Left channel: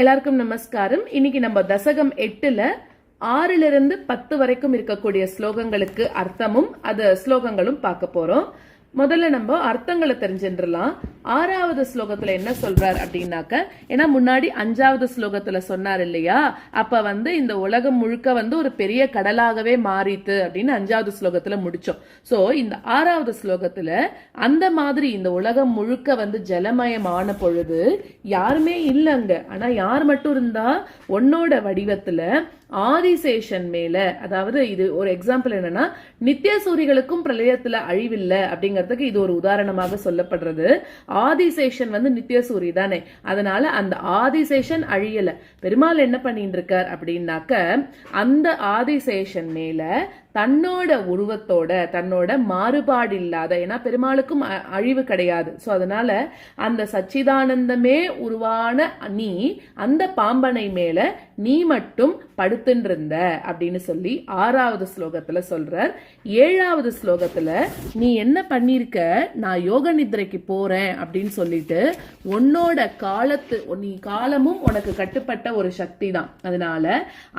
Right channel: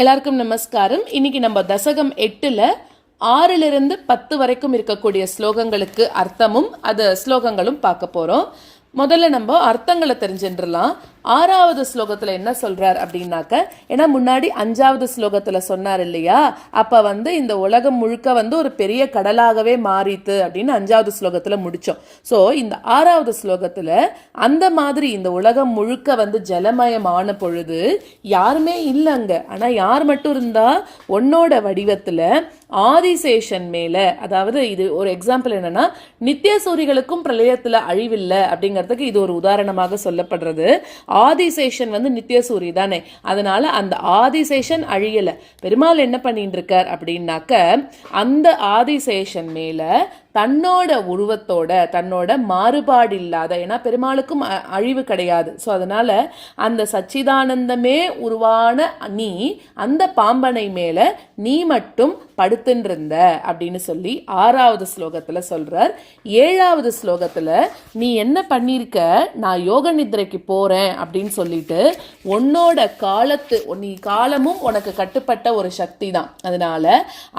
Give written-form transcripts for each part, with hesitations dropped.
எல்லாருக்கும் நமஸ்காரம். இன்னைக்கு நம்ம தசகம் 8ல் 6லிருந்து 10 வரைக்கும் இருக்கக்கூடிய ஸ்லோகங்களுக்கு அர்த்தமும் அது ஸ்லோகங்களும் பார்க்க போகிறோம். முதல்ல நம்ம அர்த்தங்களை தெரிஞ்சுட்டுலாம். 6வது ஸ்லோகத்தில் என்ன சொல்றார் அப்படின்னாக்க, ஏன்னா முன்னாடி 5வது ஸ்லோகத்தில் சொன்னார் இல்லையா, அப்போ இந்த உலகம் முழுக்க ஒரு பெரிய கடலாகவே மாறித்து அப்படின்னு 5வது ஸ்லோகத்தில் முடித்தோம். ஸோ இந்த 6வது ஸ்லோகத்தில் அந்த மாதிரி இந்த உலகம் முழுக்க ஜலமயமான பொழுது யாருமே இல்லைங்க. ஆனால் யார் மட்டும் இருந்தா உன்னோட வடிவத்தில் ஆதிசேஷன் மேல, அதாவது இது ஒரு எக்ஸாம்பிள் என்னன்னா, நித்திய சூரிகளுக்கும் பிரளயத்துல அழிவில்லை அப்படிங்கிறதுக்கு இது ஒரு உதாரணமாக சொல்லப்படுறது. ஆதிசேஷன் நித்திய சூரி தானே, அதனால அந்த ஆதிசேஷன் அழியல. பெருமாள் என்ன பண்ணிட்டு இருக்கார் அப்படின்னாக்க, அந்த ஆதிசேஷன் மேல தன்னோட உருவத்தோட, தன்னோட மாறுபாடு இல்லாத, ஏன்னா பெருமாளுக்கும் அழிவு கிடையாது, ஸோ அதனால அந்த சச்சிதானந்தமே உருவான நீ அந்த பாம்பனை மேல நீ மட்டும் படுத்துன்றிருந்த அப்படின்னு சொல்லி 6வது ஸ்லோகத்துல சொல்றார். 7வது ஸ்லோகத்துல நீ என்ன பண்ணிருக்க, நான் யோக நித்ரைக்கு போறேன் அப்படின்னு சொல்லிட்டு உன்னோட நீ காலமும் உனக்கு கட்டுப்பட்ட ஒரு சக்தி தான், அதனால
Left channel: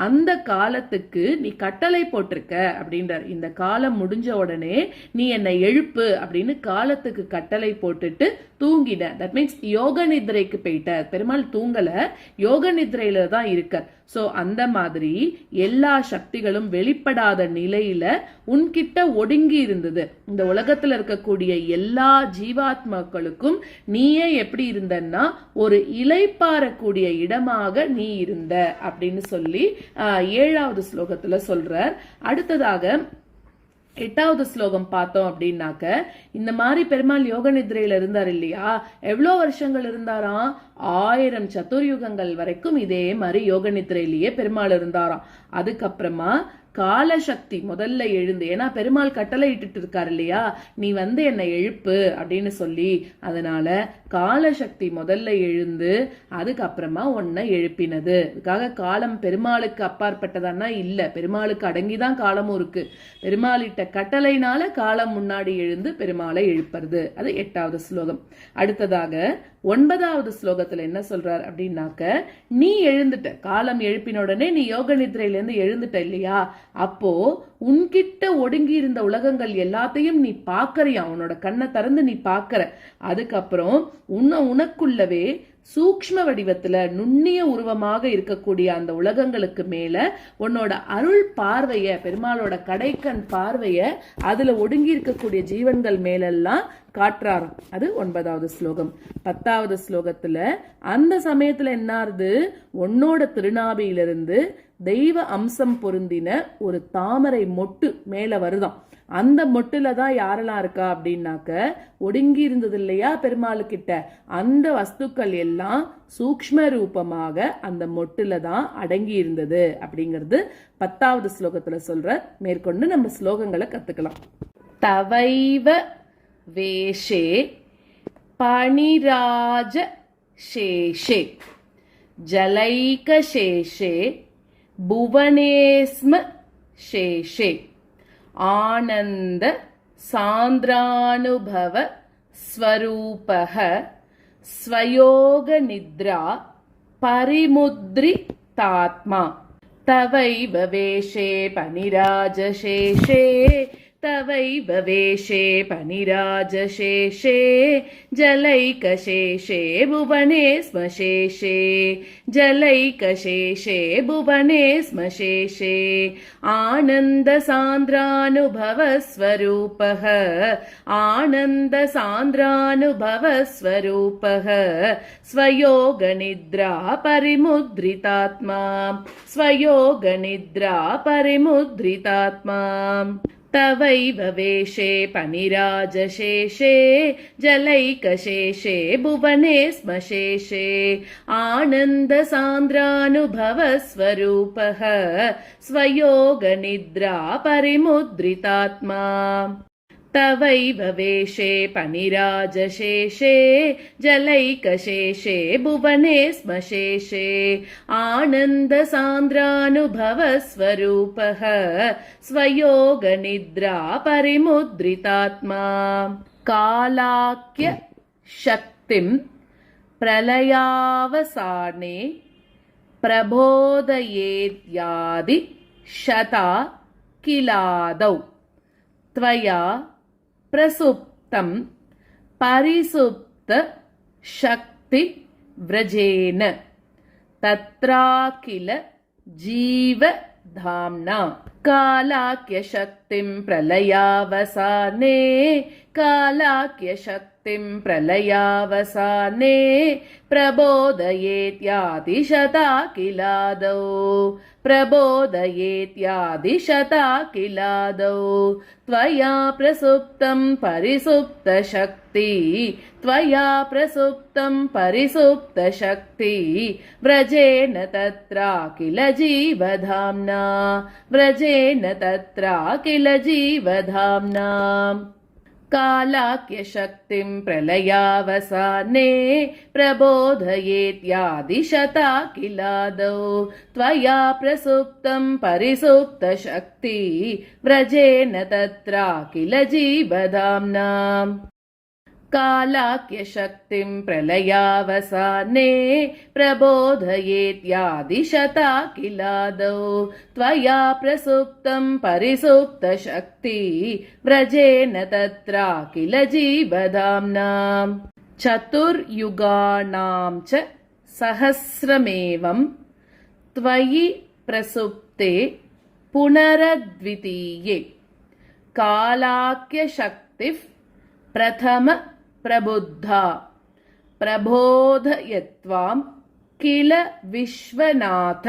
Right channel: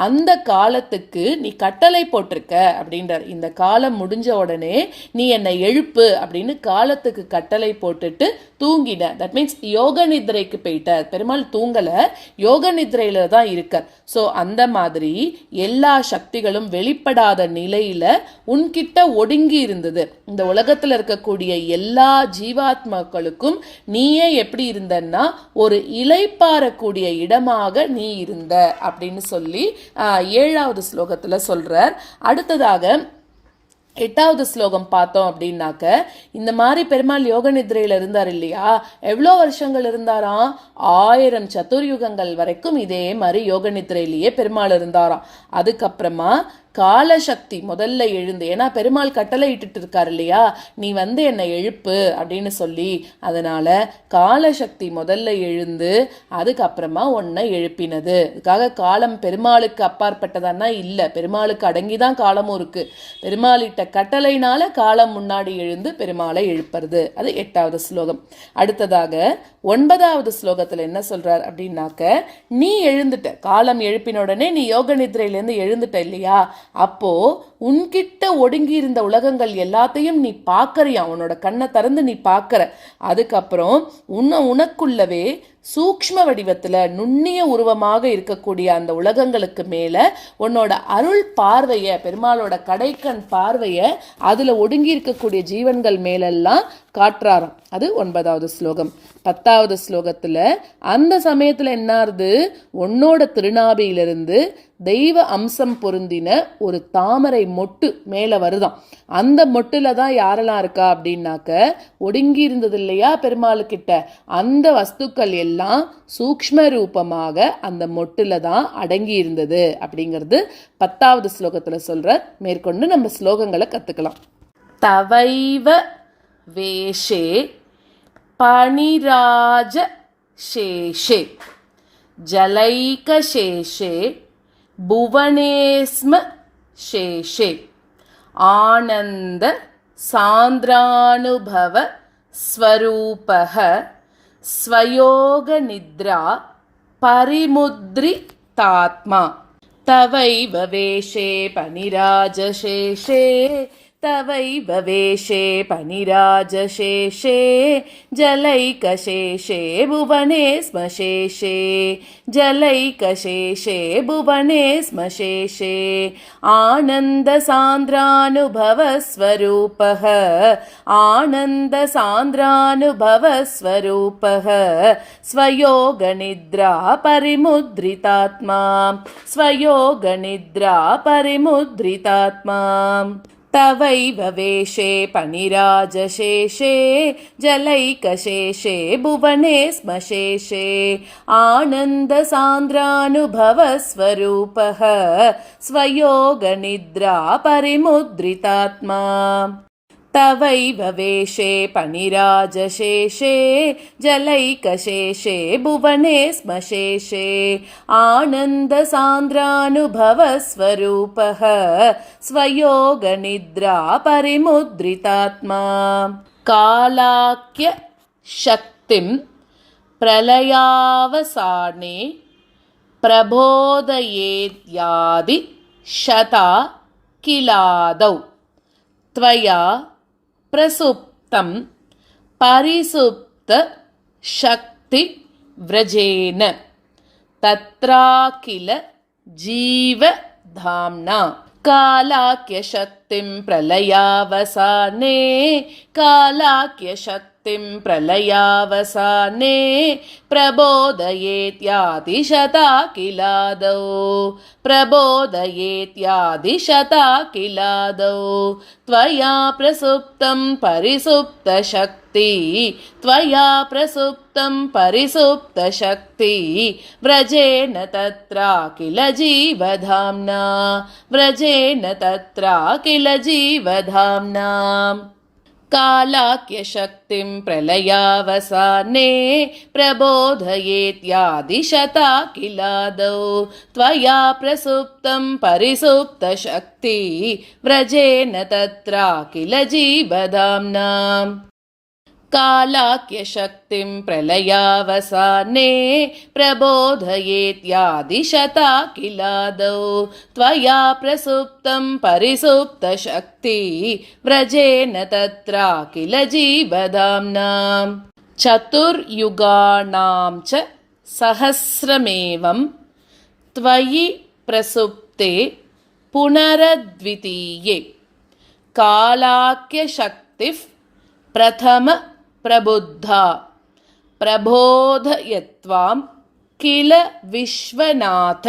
அந்த காலத்துக்கு நீ கட்டளை போட்டிருக்க அப்படின்றார். இந்த காலம் முடிஞ்ச உடனே நீ என்னை எழுப்பு அப்படின்னு காலத்துக்கு கட்டளை போட்டுட்டு தூங்கின. தட் மீன்ஸ் யோக நித்ரைக்கு போயிட்ட. பெருமாள் தூங்கல, யோக நித்ரையில தான் இருக்க. ஸோ அந்த மாதிரி எல்லா சக்திகளும் வெளிப்படாத நிலையில உன்கிட்ட ஒடுங்கி இருந்தது. இந்த உலகத்துல இருக்கக்கூடிய எல்லா ஜீவாத்மாக்களுக்கும் நீயே எப்படி இருந்தன்னா ஒரு இலைப்பாறக்கூடிய இடமாக நீ இருந்த அப்படின்னு சொல்லி 7வது ஸ்லோகத்துல சொல்றார். அடுத்ததாக 8வது ஸ்லோகம் பார்த்தோம் அப்படின்னாக்க, இந்த மாதிரி பெருமாள் யோக நித்ரையில இருந்தார் இல்லையா, எவ்வளோ வருஷங்கள் இருந்தாராம், 1000 சதுர்யுகங்கள் வரைக்கும் இதே மாதிரி யோக நித்ரையிலேயே பெருமாள் இருந்தாராம். அதுக்கப்புறமா காலசக்தி முதல்ல எழுந்து, ஏன்னா பெருமாள் கட்டளை இட்டுட்டு இருக்காரு இல்லையா, நீ என்னை எழுப்பு அப்படின்னு சொல்லி, அதனால காலசக்தி முதல்ல எழுந்து அதுக்கப்புறமா உன்னை எழுப்பினது. அதுக்காக காலம் பெருமாளுக்கு அப்பாற்பட்டதானா இல்லை, பெருமாளுக்கு அடங்கிதான் காலமும் இருக்கு. பெருமாளிட்ட கட்டளைனால காலம் முன்னாடி எழுந்து பெருமாளை எழுப்புறது. அது 8வது ஸ்லோகம். அடுத்ததாக 9வது ஸ்லோகத்துல என்ன சொல்றார் அப்படின்னாக்க, நீ எழுந்துட்ட, காலம் எழுப்பின உடனே நீ யோக நித்ரையிலேருந்து எழுந்துட்ட இல்லையா, அப்போ உன்கிட்ட ஒடுங்கி இருந்த உலகங்கள் எல்லாத்தையும் நீ பார்க்கறியா, உன்னோட கண்ணை திறந்து நீ பார்க்கற. அதுக்கப்புறம் உனக்குள்ளவே சூக்ஷ்ம வடிவத்துல நுண்ணிய உருவமாக இருக்கக்கூடிய அந்த உலகங்களுக்கு மேல உன்னோட அருள் பார்வைய, பெருமாளோட கடைக்கண் பார்வைய அதுல ஒடுங்கி இருக்கக்கூடிய ஜீவன்கள் மேலெல்லாம் காட்டுறாராம். அது 9வது ஸ்லோகம். 10வது ஸ்லோகத்துல அந்த சமயத்துல என்னாருது, உன்னோட திருநாபியிலிருந்து தெய்வ அம்சம் பொருந்தின ஒரு தாமரை மொட்டு மேல வருதாம். அந்த மொட்டுல தான் யாரெல்லாம் இருக்கா அப்படின்னாக்க, ஒடுங்கி இருந்தது இல்லையா பெருமாளுக்கிட்ட, அந்த வஸ்துக்கள் எல்லாம் சூக்ஷ்ம ரூபமாக அந்த மொட்டுல தான் அடங்கி இருந்தது அப்படிங்கிறது 10வது ஸ்லோகத்துல சொல்ற. மேற்கொண்டு நம்ம ஸ்லோகங்களை கத்துக்கலாம். தவைவ வேஷே பணிராஜ சேஷே ஜலைக சேஷே புவனேஸ்ம சேஷே ஆனந்த சாந்திரானுபவ ஸ்வரூபஹ ஸ்வயோக நித்ரா பரிமுத்ரிதாத்மா. தவைவ வேஷே பணிராஜசேஷே तवैव वेशे पनिराजशेषे जलैकशेषे भुवने स्म शेषे जलैकशेषे भुवने स्म शेषे आनन्दसान्द्रानुभवस्वरूपः आनन्दसान्द्रानुभवस्वरूपः स्वयोगनिद्रा परिमुद्रितात्मा स्वयोगनिद्रा परिमुद्रितात्मा. तवैव वेशे पनिराजशेषे जलैकशेषे भुवने स्म शेषे आनन्दसान्द्रानुभवस्वरूपः स्वयोगनिद्रा परिमुद्रितात्मा. तवैव वेशे पनिराजशेषे जलैकशेषे भुवने स्म शेषे आनन्दसान्द्रानुभवस्वरूपः स्वयोगनिद्रा परिमुद्रितात्मा. कालाख्य शक्तिं प्रलयावसाने प्रबोधयेद्यादि शता किलादौ त्वया प्रसुप्तं परिसुप्त शक्ति व्रजेन तत्राखिल जीवधाम्ना कालाख्यशक्तिं प्रलयावसाने कालाख्यशक्तिं प्रलयावसाने प्रबोधयेत्यादिशता किलादौ प्रबोधयेत्यादिशता किलादौ त्वया प्रसुप्तं परिसुप्तशक्ति त्वया प्रसुप्तं परिसुप्तशक्ति व्रजेन तत्राखिल जीवधाम्ना व्रजेन तत्राखिल जीवधाम्ना कालाख्यशक्तिं प्रलयावसाने प्रबोधयेत्यादिशता किलादौ त्वया प्रसुप्तं परिसुप्तशक्ति व्रजेन तत्राखिल जीवधाम्ना कालाख्यशक्तिं प्रलयावसाने प्रबोधयेत्यादिशता किलादौ त्वया प्रसुप्तं परिसुप्तशक्ति व्रजेन तत्राखिल जीवधाम्ना चतुर्युगाणां च सहस्रमेवं त्वयि प्रसुप्ते पुनरद्वितीये कालाख्यशक्तिः प्रथम प्रबुद्धा प्रबोधयत्वां किल विश्वनाथ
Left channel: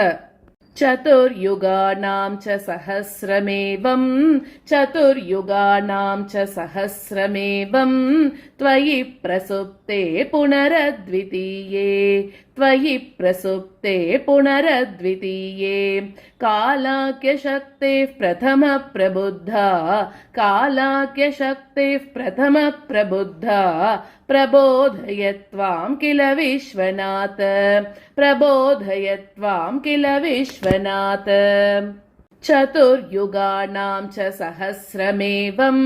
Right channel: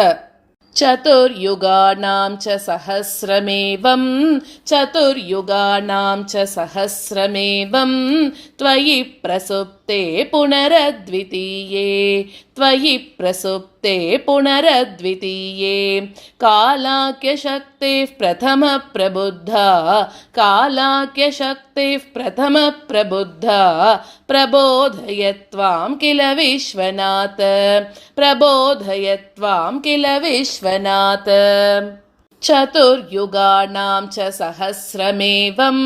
चतुर्युगानां च सहस्रमेवं चतुर्युगानां च सहस्रमेवं त्वयि प्रसुप्ते पुनरद्वितीये त्वयि प्रसुप्ते पुनरद्वितीये कालाख्यशक्तिः प्रथमः प्रबुद्धा कालाख्यशक्तिः प्रथमः प्रबुद्धा प्रबोधयत्वां किल विश्वनाथ प्रबोधयत्वां किल विश्वनाथ चतुर्युगानां च सहस्रमेवं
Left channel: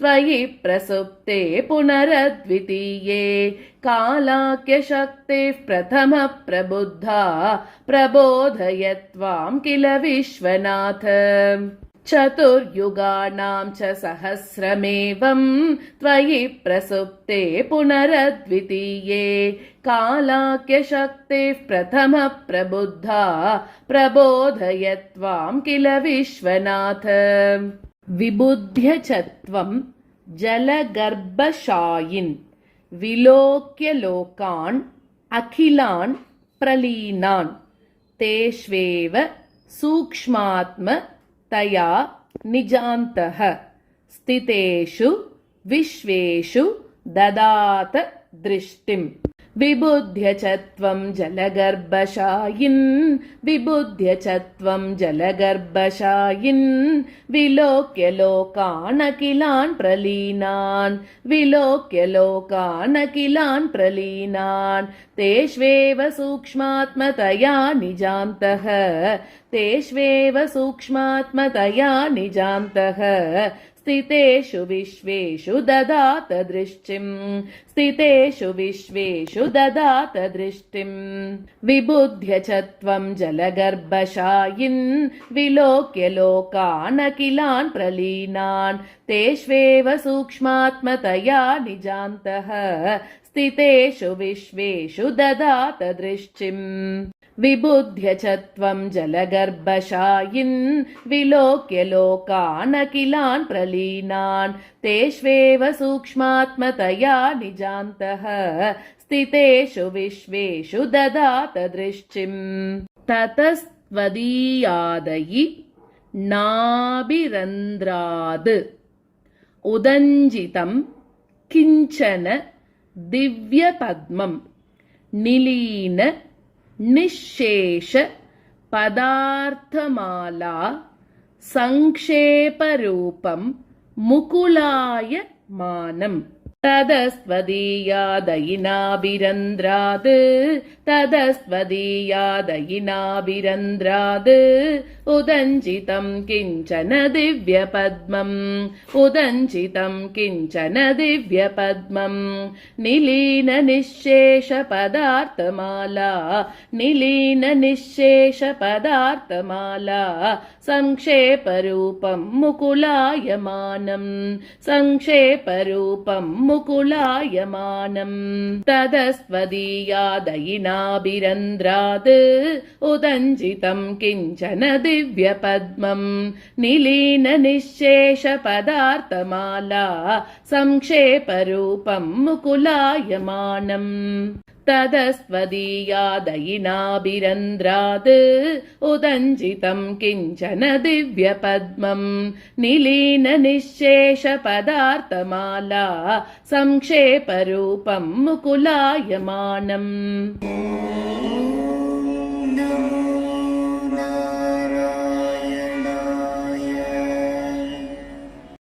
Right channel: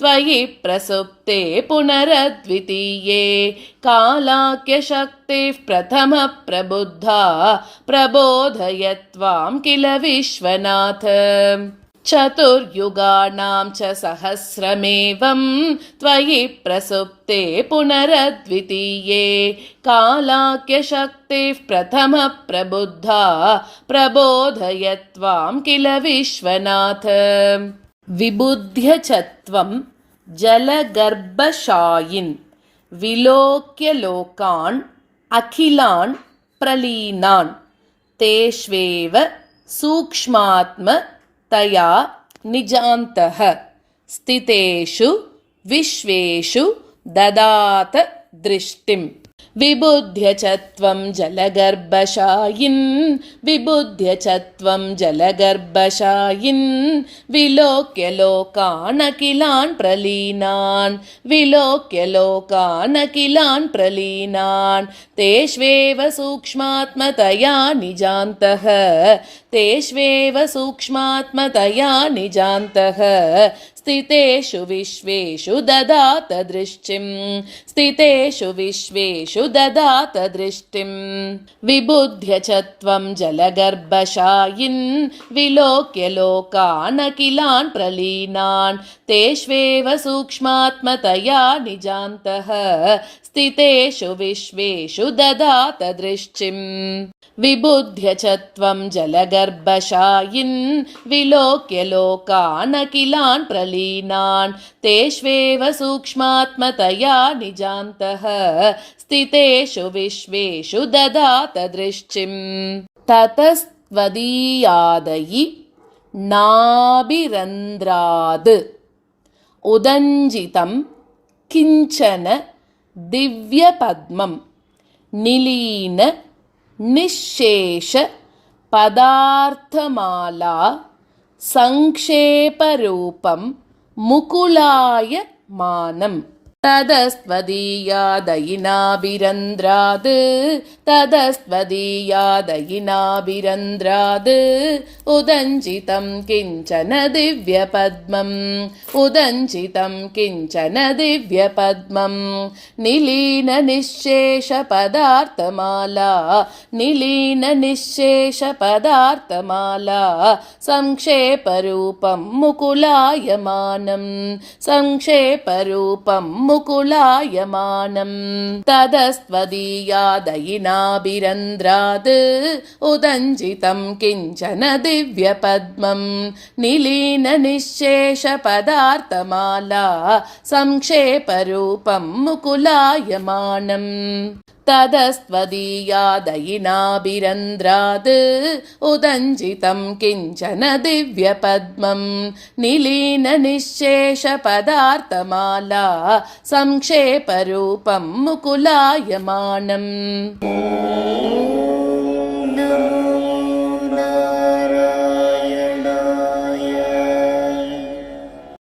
त्वयि प्रसुप्ते पुनरद्वितीये कालाख्यशक्तिः प्रथमः प्रबुद्धा प्रबोधयत्वां किल विश्वनाथ चतुर्युगानां च सहस्रमेवं त्वयि प्रसुप्ते पुनरद्वितीये कालाख्यशक्तिः प्रथमः प्रबुद्धा प्रबोधयत्वां किल विश्वनाथ विबुध्य च त्वं जलगर्भशायिन् विलोक्य लोकान् अखिलान् प्रलीनान् तेष्वेव सूक्ष्मात्म तया निजान्तः स्थितेषु विश्वेषु ददात दृष्टिम् विबुध्य च त्वं जलगर्भशायिन् विबुध्य च त्वं जलगर्भशायिन् विलोक्य लोकान् अखिलान् प्रलीनान् विलोक्य लोकान् अखिलान् प्रलीनान् तेष्वेव सूक्ष्मात्मतया निजान्तः तेष्वेव सूक्ष्मात्मतया निजान्तः स्थितेषु विश्वेषु ददात दृष्टिम् स्थितेषु विश्वेषु ददात दृष्टिम् विबुध्य च त्वं जलगर्भशायिन् विलोक्य लोकान् अखिलान् प्रलीनान् तेष्वेव सूक्ष्मात्मतया निजान्तः स्थितेषु विश्वेषु ददात दृष्टिम् विबुध्य च त्वं जलगर्भशायिन् विलोक्य लोकान् अखिलान् प्रलीनान् तेष्वेव सूक्ष्मात्मतया निजान्तः स्थितेषु विश्वेषु ददात दृष्टिम् ततस्त्वदीयादयि नाभिरन्ध्राद् उदञ्जितं किञ्चन दिव्यपद्मं निलीन निःशेष पदार्थमाला संक्षेपरूपं मुकुलाय मानम् तदस्त्वदीयादयिनाभिरन्द्राद् तदस्त्वदीयादयिनाभिरन्द्राद् उदञ्चितं किञ्चन दिव्यपद्मम् उदञ्चितं किञ्चन दिव्यपद्मम् निलीननिःशेषपदार्थमाला निलीननिःशेषपदार्थमाला संक्षेपरूपं मुकुलायमानम् संक्षेपरूपं मुकुलायमानम् तदस्त्वदीयादयिनाभिरन्द्राद् उदञ्चितं किञ्चन दिव्यपद्मम् निलीननिःशेषपदार्थमाला संक्षेपरूपं मुकुलायमानम् तदस्त्वदीयादयिनाभिरन्द्राद् उदञ्चितं किञ्चन दिव्यपद्मम् निलीननिःशेषपदार्थमाला संक्षेपरूपं मुकुलायमानम्।